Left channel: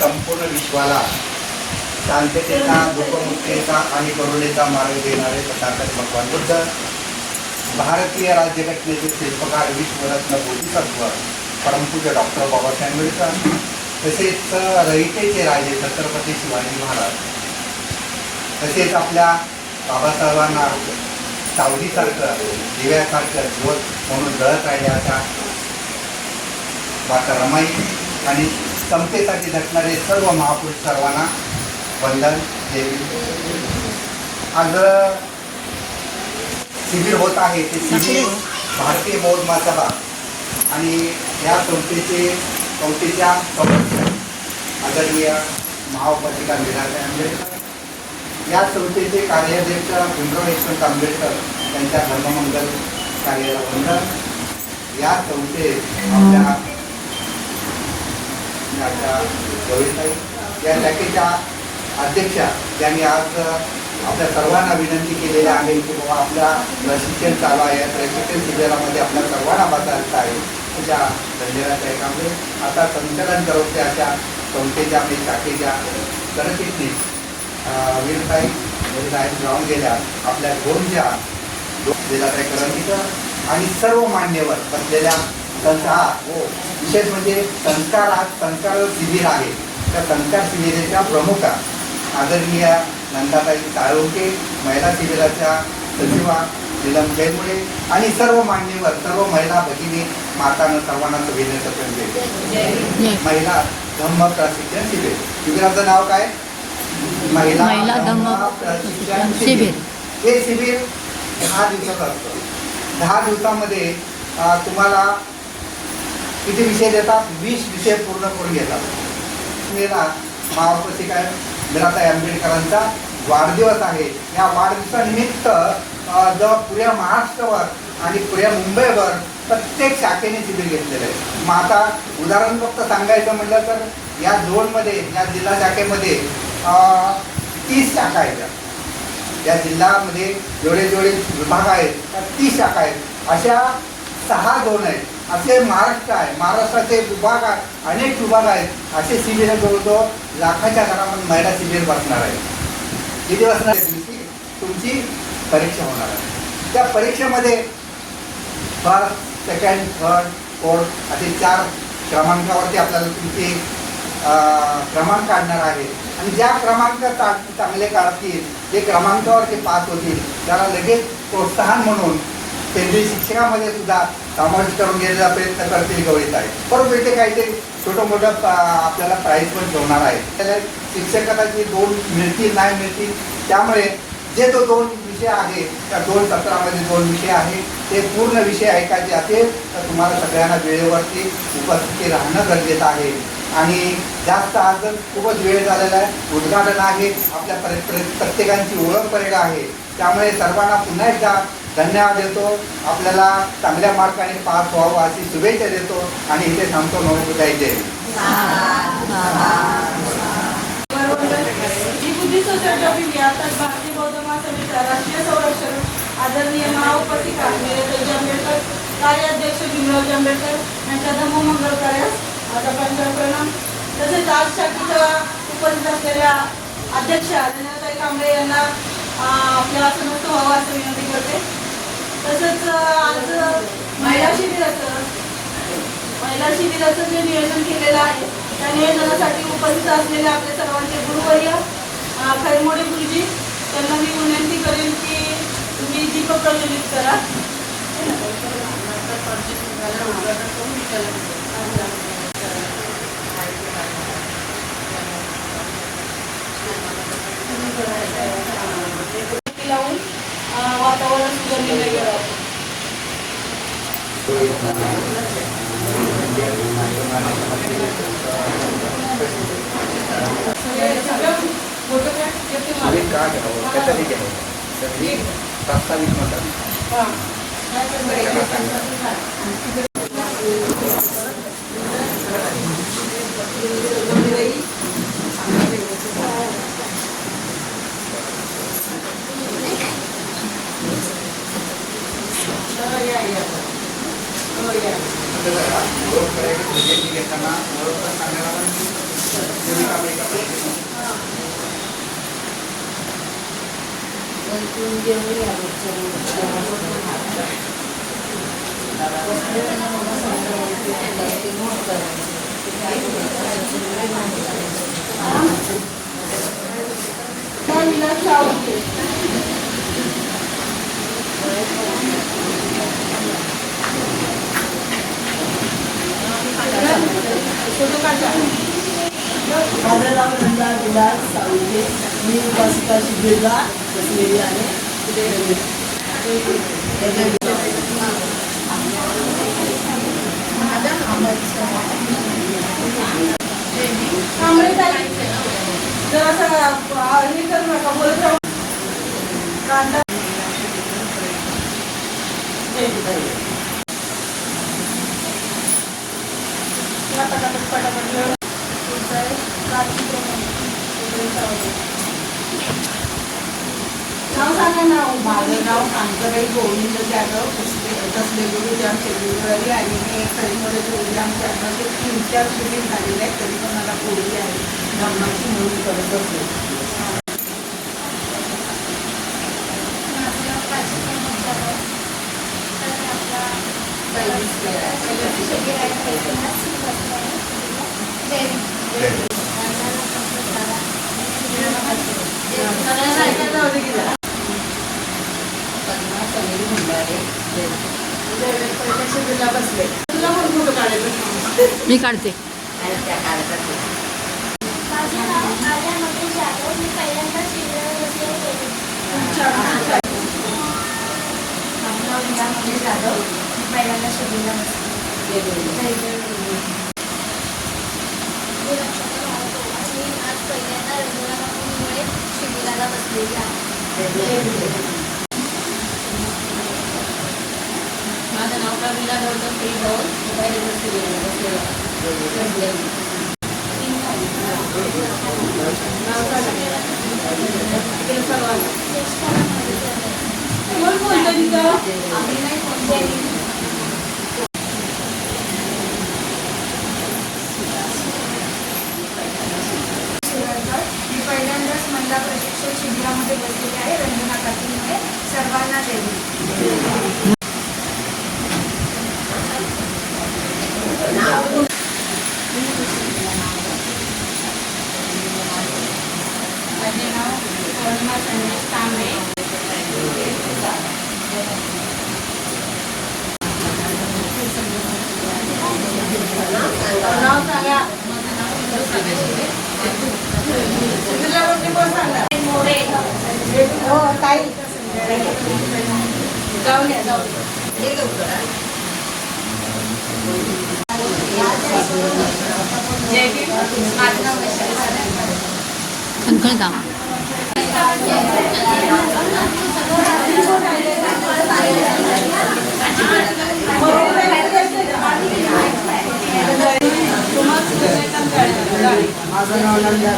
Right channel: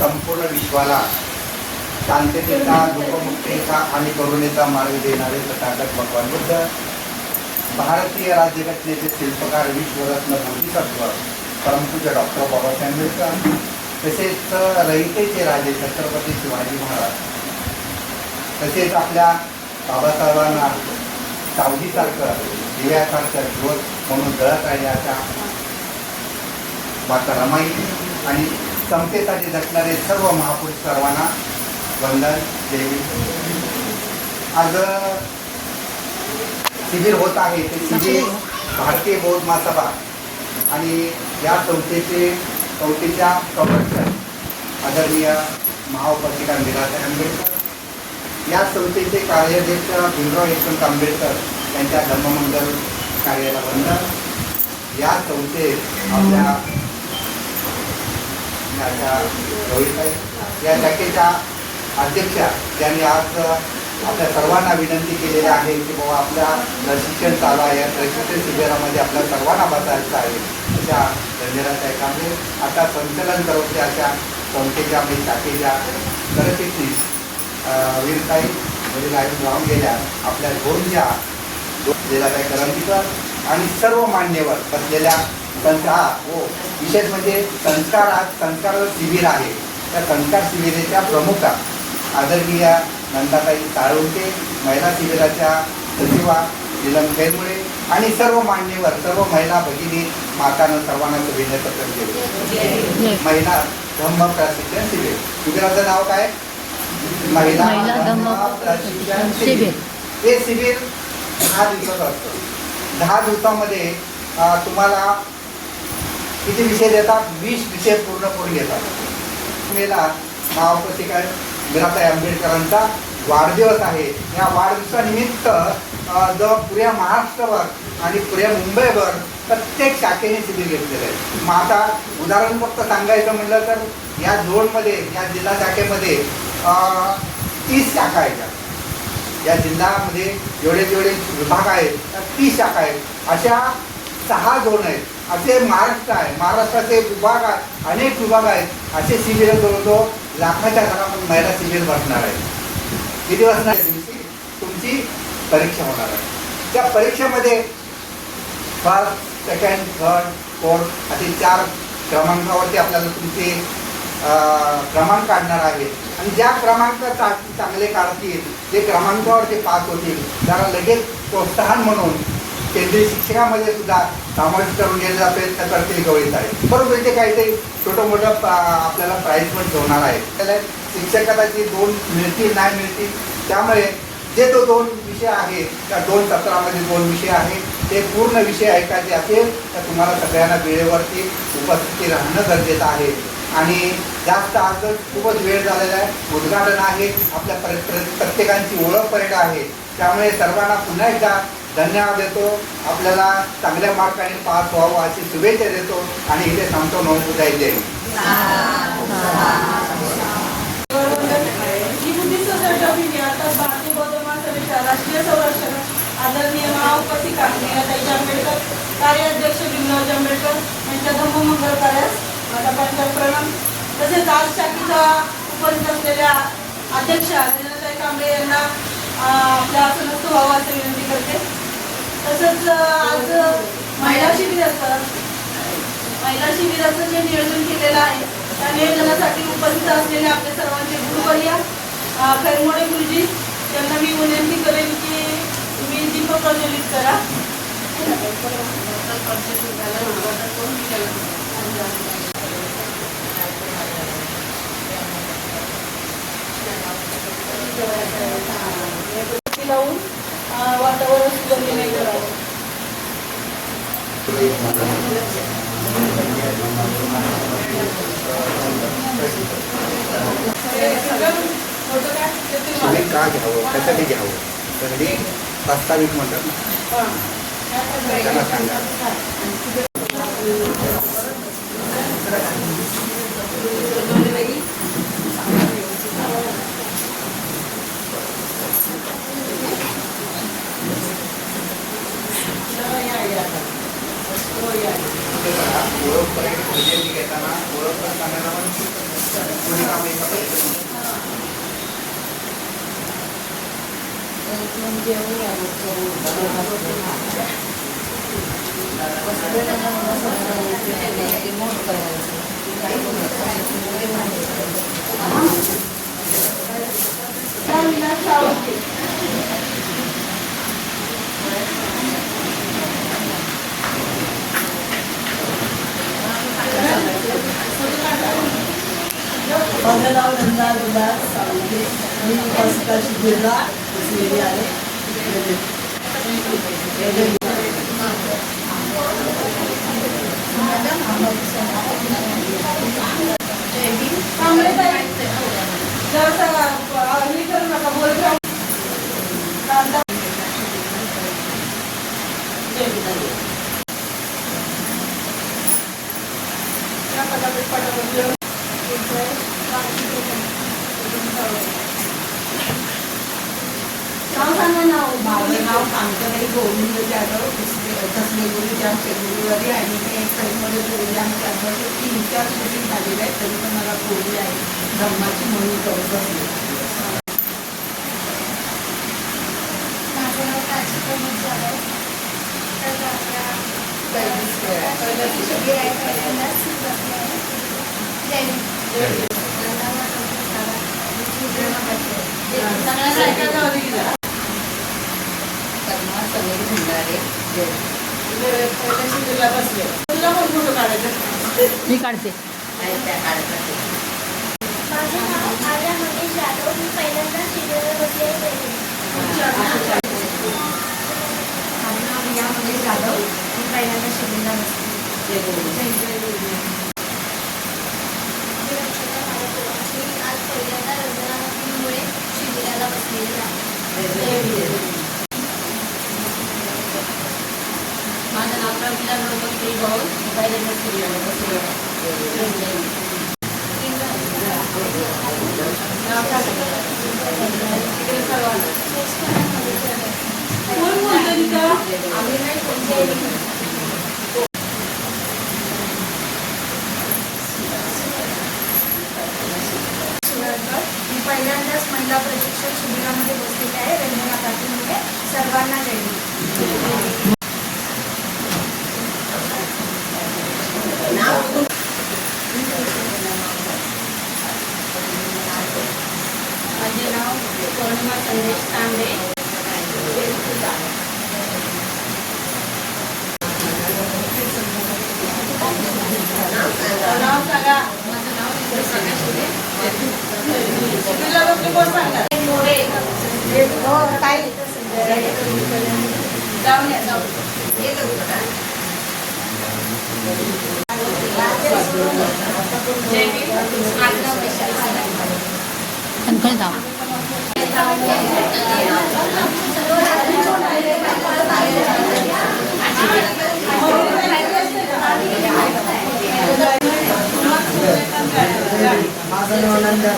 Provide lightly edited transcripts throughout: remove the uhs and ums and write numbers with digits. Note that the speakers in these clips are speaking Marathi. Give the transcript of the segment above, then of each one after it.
संपूर्ण विश्वाला शांततेचा, लोकमुक्तेचा आणि करुणेचा मार्ग देणारे तथागत भगवान बुद्ध, भारतीय राज्यघटनेचे शिल्पकार, विश्वरत्न बोधिसत्व परमपूज्य डॉक्टर बाबासाहेब आंबेडकर, तसेच रयतेचे राजे छत्रपती शिवाजी महाराज, तसेच आपल्या बाबासाहेबांना सावलीसारखं, दिव्यासारखं ज्योत म्हणून जळत राहिल्याच्या माता रमाई आणि समतेसाठी झटणारे सर्व महापुरुष सर्वांना वंदन देवी. आज शिबिर होत आहे ते शिबिर भारतीय बौद्ध महासभा आणि या संस्थेच्या संरक्षण आदरणीय महाउपासिका मीराताई आंबेडकर, या संस्थेचे कार्याध्यक्ष भीमराव यशवंत आंबेडकर यांच्या धर्ममंगल कार्याला वंदन. या संस्थेत आपल्या या शाखेच्या अध्यक्षा यांनी आज आपल्या सर्वांना विनंती केलेली आहे की बाबा आपल्या प्रशिक्षण चालू आहे, प्रशिक्षण शिबिरामध्ये आपल्या सर्वांना बसायचं आहे. त्या धन्यवादाच्या कामे आता संचलन करून त्याच्या संस्थेच्या म्हणजे शाखेच्या सरचिटणीस वीरताई वडील राहून गेल्या आपल्या गोंच्या जिल्हाताई करंदीकर आणि सर्व मान्यवर बसलेल्या विशेष म्हणजे संस्कार शिबिर आहे. त्या संस्कार शिबिराच्या प्रमुख आदरणीय नंदाताई साळुंके, महिला शिबिराच्या सचिवा नीलम खेरमुळे आणि सर्व मान्यवर, सर्व महिला भगिनी मातांना सर्वांना शुभेच्छा देतो. महिला धम्म प्रशिक्षण शिबिर, शिबिराचं नाव काय? महिला धम्म प्रशिक्षण शिबिर. हे शिबिर 10 दिवसाचं असतं. 10 दिवसामध्ये तुम्हाला किती विषय देतात? 20 विषय पूर्ण करून घेतात. महाउपासिका मीराताई आंबेडकरांचा वाढदिवस आहे. या वाढदिवसानिमित्त पुऱ्या महाराष्ट्रावर आणि पुऱ्या मुंबईवर प्रत्येक शाखेने शिबिर घेतलेले आहे. मग आता उदाहरण फक्त सांगायचं म्हटलं तर या झोनमध्ये, या जिल्हा शाखेमध्ये 30 शाखा आहेत. या जिल्ह्यामध्ये जेवढे विभाग आहेत त्या 30 शाखा आहेत. अशा 6 झोन आहेत. असे महाराष्ट्र आहे, महाराष्ट्राचे विभाग आहेत, अनेक विभाग आहेत. असे शिबिर जवळजवळ लाखाच्या घरामध्ये महिला शिबिर बसणार आहे. किती बसणार? दिवशी तुमची परीक्षा होणार आहे. त्या परीक्षेमध्ये फर्स्ट, सेकंड, थर्ड, फोर्थ असे 4 क्रमांकावरती आपल्याला तुमचे क्रमांक काढणार आहे. आणि ज्या क्रमांक चांगले काढतील, जे क्रमांकावरती पास होतील, त्याला लगेच प्रोत्साहन म्हणून केंद्रीय शिक्षकामध्ये सुद्धा समावेश करून घेण्याचा प्रयत्न करतील गवळीत आहे. बरोबर, इथे काहीतरी छोटं मोठं आपल्याला प्राईज पण ठेवणार आहे. त्याला शिक्षकाला जे 2 मिळतील नाही मिळतील, त्यामुळे जे तो 2 विषय आहे त्या 2 सत्रामध्ये 2 विषय आहे ते पूर्ण विषय ऐकायचे असेल तर तुम्हाला सगळ्यांना वेळेवरती उपस्थिती राहणं गरजेचं आहे. आणि जास्त आज खूपच वेळ झालेला आहे. उद्घाटन आहे, आपल्या प्रत्येकांची ओळख परेड आहे. त्यामुळे सर्वांना पुन्हा एकदा धन्यवाद देतो. आपल्याला चांगल्या मार्गाने पास व्हावं अशी शुभेच्छा देतो आणि इथे थांबतो. नमस्कार. जय हिंद. भारतीय बौद्ध महासभेच्या राष्ट्रीय संरक्षण आदरणीय महाउपासिका मीराताई आंबेडकर, कार्याध्यक्ष भीमराव आंबेडकर यांच्या धम्ममंगल कार्यास माझा प्रणाम. तसेच आज शाखेच्या उपस्थित असलेल्या अध्यक्षा नीलताई कांबळे यांना आपल्या आसनस्थ व्हावं असं विनंती करते. तसंच आज महिला शिबिराचं जे नियोजन केलेलं आहे त्या नियोजनासाठी उपस्थित असलेले आपल्या सर्वांचे गुरुवर्य खैरमोडे गुरुजी, त्यांना मी विनंती करेन की तुम्ही दीप प्रज्वलित करा. वातावरण सुधारले गेलं. का घ्यावं, कशाने घ्यावं, सगळी प्रस्तावित म्हणतात ना. ओळख करायची घेताना ओळख सांगायला पण माझं नाव नंदा विलास सावंगे. मी उपासिका शिबिरला बसलेली आहे. माझं नाव कांताबाई गोविंद जाधव कसलेली जाम फेब्रुवारी आणि कधीमध्ये बोलली आमच्या अंगाचे 3-4 शूटिंग झालेले आहेत. तरी पण मला बोलली आहे धर्माची म्हणून करत असते. मी काढते. शिबिराला बसलेली आहे. माझं नाव प्रमिला गौतम भाऊ पहिल्यांदा शिबिराला बसलेलं आहे. मी पहिल्यांदाच महिला प्रशिक्षण शिबिरामध्ये बसलेले आहे. रंजना पाटील सर्वांना जय. माझे नाव पौर्णिमा संदेश तांबे. नाव सांगा. माझं नाव जाऊन या जाऊन माझं नाव माझं नाव नंदा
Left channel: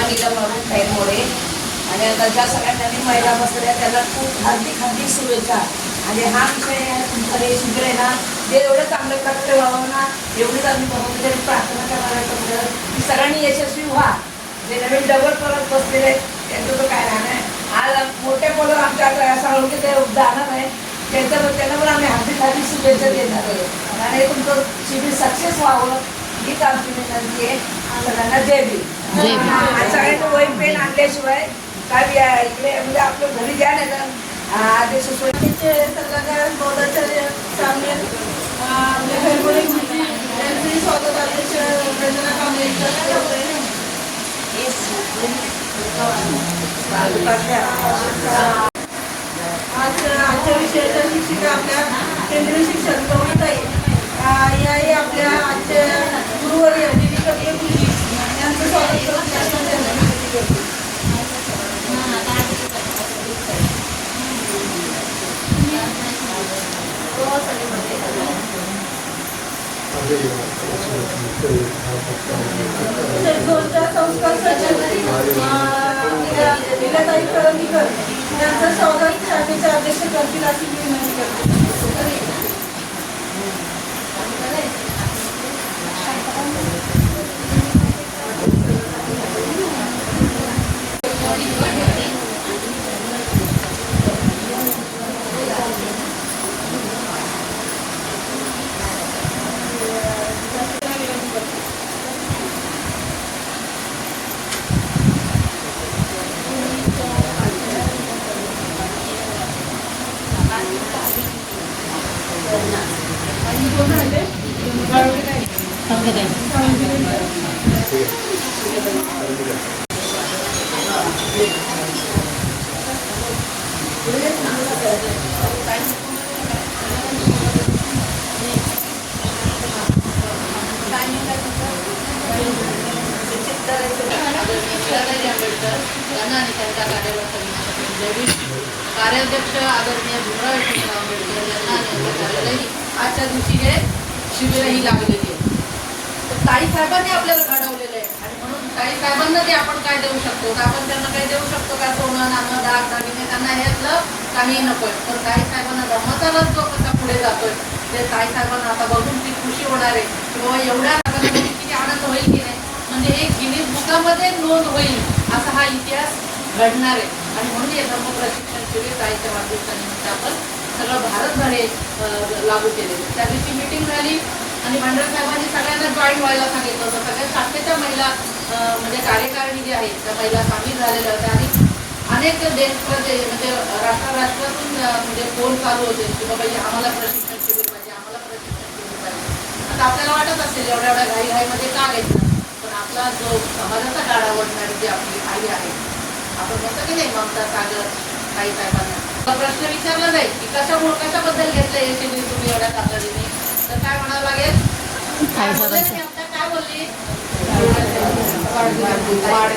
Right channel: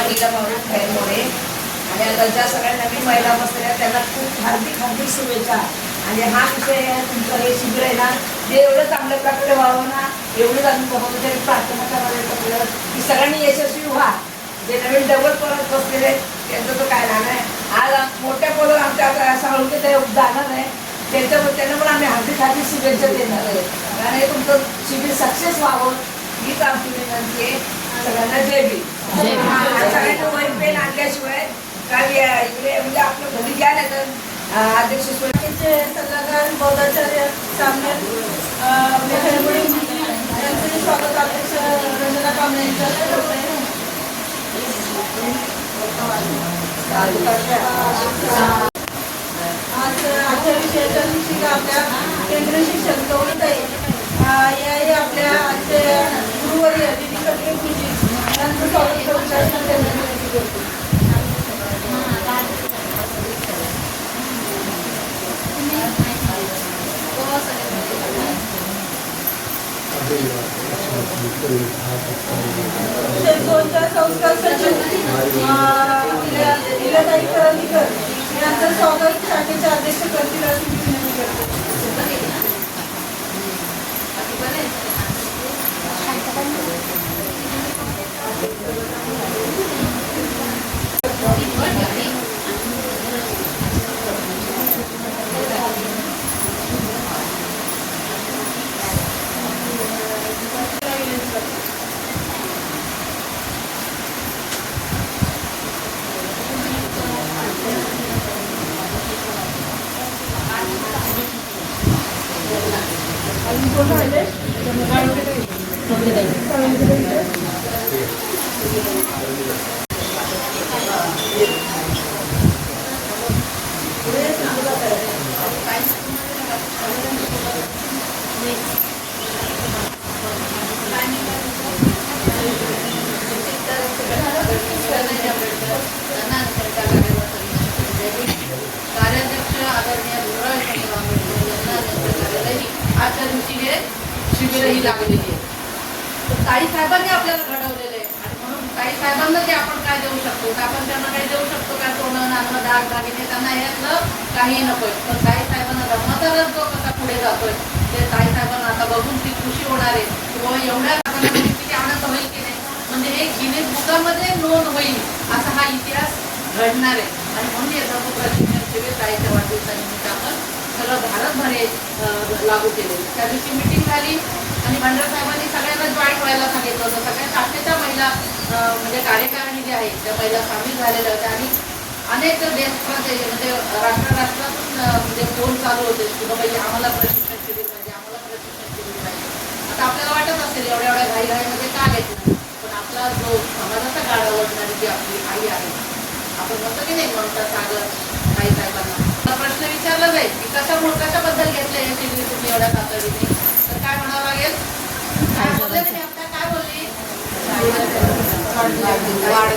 आणि त्यामुळे आणि आता ज्या सगळ्या नवीन महिला बसलेल्या त्यांना खूप हार्दिक शुभेच्छा. आणि हा विषय आहे तुमचं हे शिबिर आहे ना, जे एवढं चांगल्या प्रकारे व्हावं ना, एवढंच आम्ही बघून तरी प्रार्थना करणार आहे सगळं की सगळ्यांनी यशस्वी व्हा. जे नवीन डबल परत बसलेले आहेत त्यांचं तर काय राहणार आहे. आज मोठ्या मुलं आमच्या आता सांगून ते जाणार आहे त्यांना पण आम्ही हार्दिक शुभेच्छा देणार आहे. आणि हे तुमचं शिबिर सक्सेस व्हावं हीच आमची विनंती आहे. सगळ्यांना जय भीम. सगळ्यांना वही पेन आणल्याशिवाय काय इकडे म्हणजे आपलं घरी द्या नाही तर अध्यक्ष सल्लागार बौद्धाचार्य सामने स्वागत अध्यक्ष रंजना कांबळे आज आमच्या विषयाच्या शिक्षिका आपल्या केंद्रीय शिक्षक गौरवताई याही आपल्या आजच्या गुरुवर्य विवेकानंद गुरुजी यांचं स्वागत करून शासन त्यांना विनंती करतो. शेतकऱ्यांच्या संस्कार सचिव लीलाताई कळवणीकर यांचं स्वागत शाखेचे अध्यक्ष करतील अशी मी विनंती करते. कार्याध्यक्ष आदरणीय आजच्या दिवशी हे शिबिरही लागलेली आहे. ताई साहेबांनी आपल्याला घडवलेलं आहे आणि म्हणून ताई साहेबांना जे आपण काय देऊ शकतो, तर आपण त्यांना काय देऊ शकतो का? सोनं, नाणं, डाग, दागिने त्यांना ह्यातलं काही नकोय. तर ताई साहेबांना धर्माचारच जो कसा पुढे जातोय ते ताई साहेबांना आता बघून ती खुशी होणार आहे. किंवा एवढ्या किती आनंद होईल की नाही, म्हणजे एक गिनी पुस्तकामध्ये नोंद होईल असा हा इतिहास घडणार आहे. आणि म्हणून हे धर्मप्रशिक्षण शिबिर ताईच्या वाढदिवसानिमित्त आपण सगळं भारतभर हे लागू केलेलं आहे. त्या दिवशी मीटिंग झाली आणि भांडर साहेबांनी सगळ्यांना जॉईन व्हायला सांगितलं होतं. सगळ्या शाखेच्या महिला म्हणजे कार्यकारिणी जी आहे त्या महिला सामील झालेल्या होत्या आणि अनेक देशप्रदेश म्हणजे राष्ट्रातून म्हणजे फोन चालू होते की बाबा आम्हाला प्रशिक्षण शिबिर पाहिजे, आम्हाला प्रशिक्षण शिबिर पाहिजे. आता आपल्याला वाटत असेल एवढ्या एवढ्या घाईघाईमध्ये का घ्यायचं, पण आपला जो समाजाचा गाड आवडणारी जी आपली आई आहे, आपण म्हणतो की नाही ममता सागर ताई साहेबांना प्रश्न विचारला जाईल की कशाबद्दल घेतलं हे शिबिर तुम्ही एवढ्या तातडीने, तर काय म्हणावं लागेल? काय बोलले नाही आता, काय बोलली?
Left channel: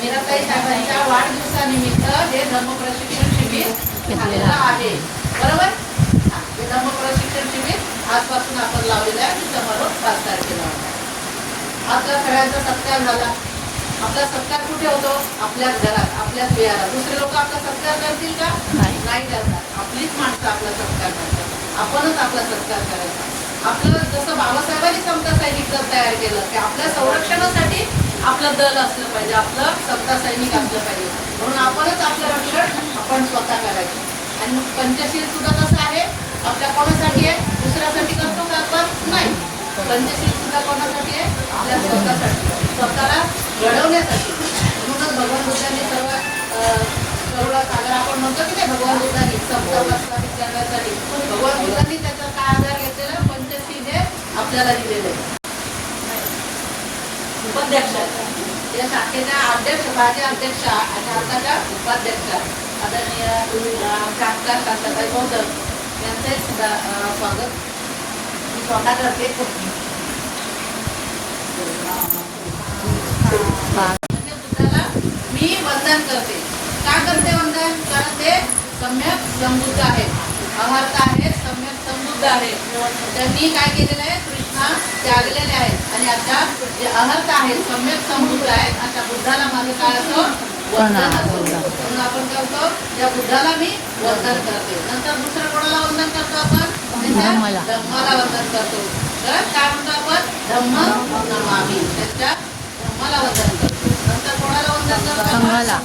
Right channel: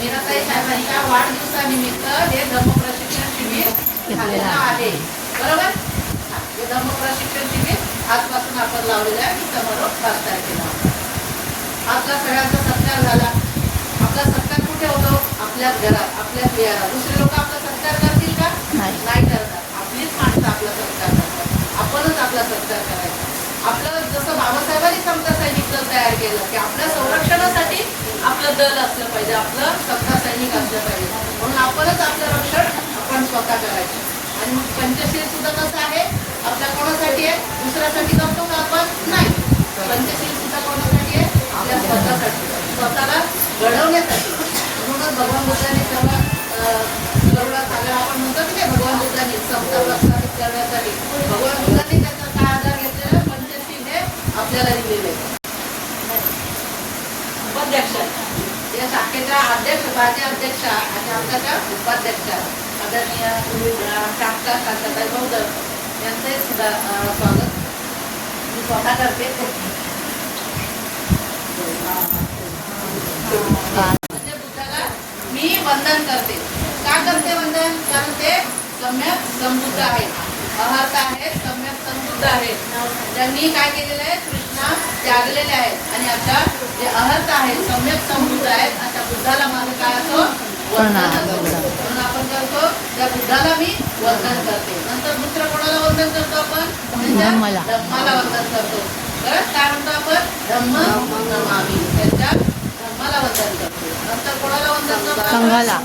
मीराताई साहेबांच्या वाढदिवसानिमित्त हे धम्मप्रशिक्षण शिबिर झालेलं आहे. बरोबर? हे धम्मप्रशिक्षण शिबिर आजपासून आपण लावलेलं आहे. समारोह 5 तारखेला. आपला सगळ्यांचा सत्कार झाला. आपला सत्कार कुठे होतो? आपल्याच घरात, आपल्याच विहारात. दुसरे लोक आपला सत्कार करतील का? नाही करणार. आपलीच माणसं आपला सत्कार करतात. आपणच आपला सत्कार करायचा. आपलं जसं बाबासाहेबांनी समता सैनिक दल तयार केलं की आपल्या संरक्षणासाठी आपलं दल असलं पाहिजे, आपलं समता सैनिक असलं पाहिजे. म्हणून आपणच आपलं रक्षण आपण स्वतः करायचं. आणि मग पंचशील सुद्धा कसं आहे? आपल्या कोणासाठी आहे? दुसऱ्यासाठी करतो का आपण? नाही. पंचशील सुद्धा कोणासाठी आहे? आपल्या स्वतःसाठी, स्वतःला घडवण्यासाठी. म्हणूनच भगवान बुद्धांनी सगळं गरुडात आलं. आपण म्हणतो की नाही भगवान बुद्धांनी समता प्रस्थापित करण्यासाठी भगवान बुद्धांनी त्याचा काय आधार घेतलेला? पंचशील हे आपल्याला दिलेले. उपाध्यक्ष या शाखेच्या अध्यक्ष, माझे अध्यक्ष आणि आताच्या उपाध्यक्ष आदरणीय शाखा शाखाताई गौतर यांचे सुद्धा स्वागत मी स्वतः करते. म्हणजे बुद्धाला मी वंदन करते. का करते वंदन? कारण ते सम्यक समृद्ध आहेत, अहर्त आहेत, सम्यक समृद्ध आहेत. त्यांनी काय केलेलं आहे? कृष्णा त्यागलेले आहेत आणि आता जे अहर्त आहेत, सम्यक समृद्ध आहेत, अशा बुद्धाला माझं काय असं वंदन असतं. म्हणून आपण करतो त्या बुद्धाला मी वंदन करते. नंतर दुसरं कोणाला वंदन करतो आपण? त्यांच्या धम्माला वंदन करतो. काय म्हणतो आपण? धम्म नमामि. त्यांच्या धम्माला वंदन करतो. नंतर कोणाला वंदन करतो? संघाला.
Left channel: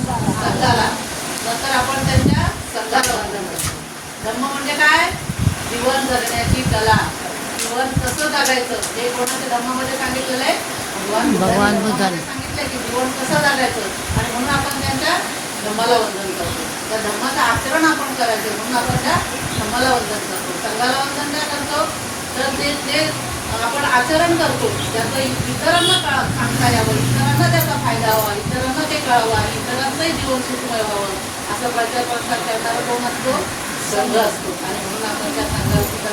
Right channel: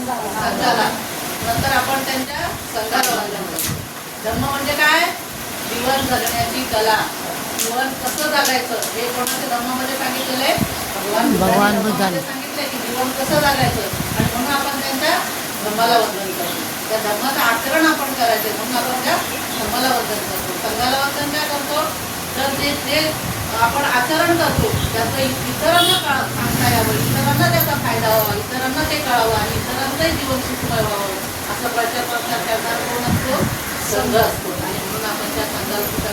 नंतर आपण त्यांच्या संघाला वंदन करतो. धम्म म्हणजे काय? जीवन जगण्याची कला. जीवन कसं जगायचं हे कोणाच्या धम्मामध्ये सांगितलेलं आहे? भगवान बुद्धांनी सांगितलंय की जीवन कसं जगायचं. आणि म्हणून आपण त्यांच्या धम्माला वंदन करतो. त्या धम्माचं आचरण आपण करायचं म्हणून आपण त्या धम्माला वंदन करतो. संघाला वंदन काय करतो? तर ते आपण आचरण करतो त्याचं इतरांना सांगता यावं, इतरांना त्याचा फायदा व्हावा, इतरांना ते कळावं, इतरांचंही जीवन सुखमय व्हावं असं प्रचार प्रसार करणारा कोण असतो? संघ असतो आणि म्हणून आपण त्या संघात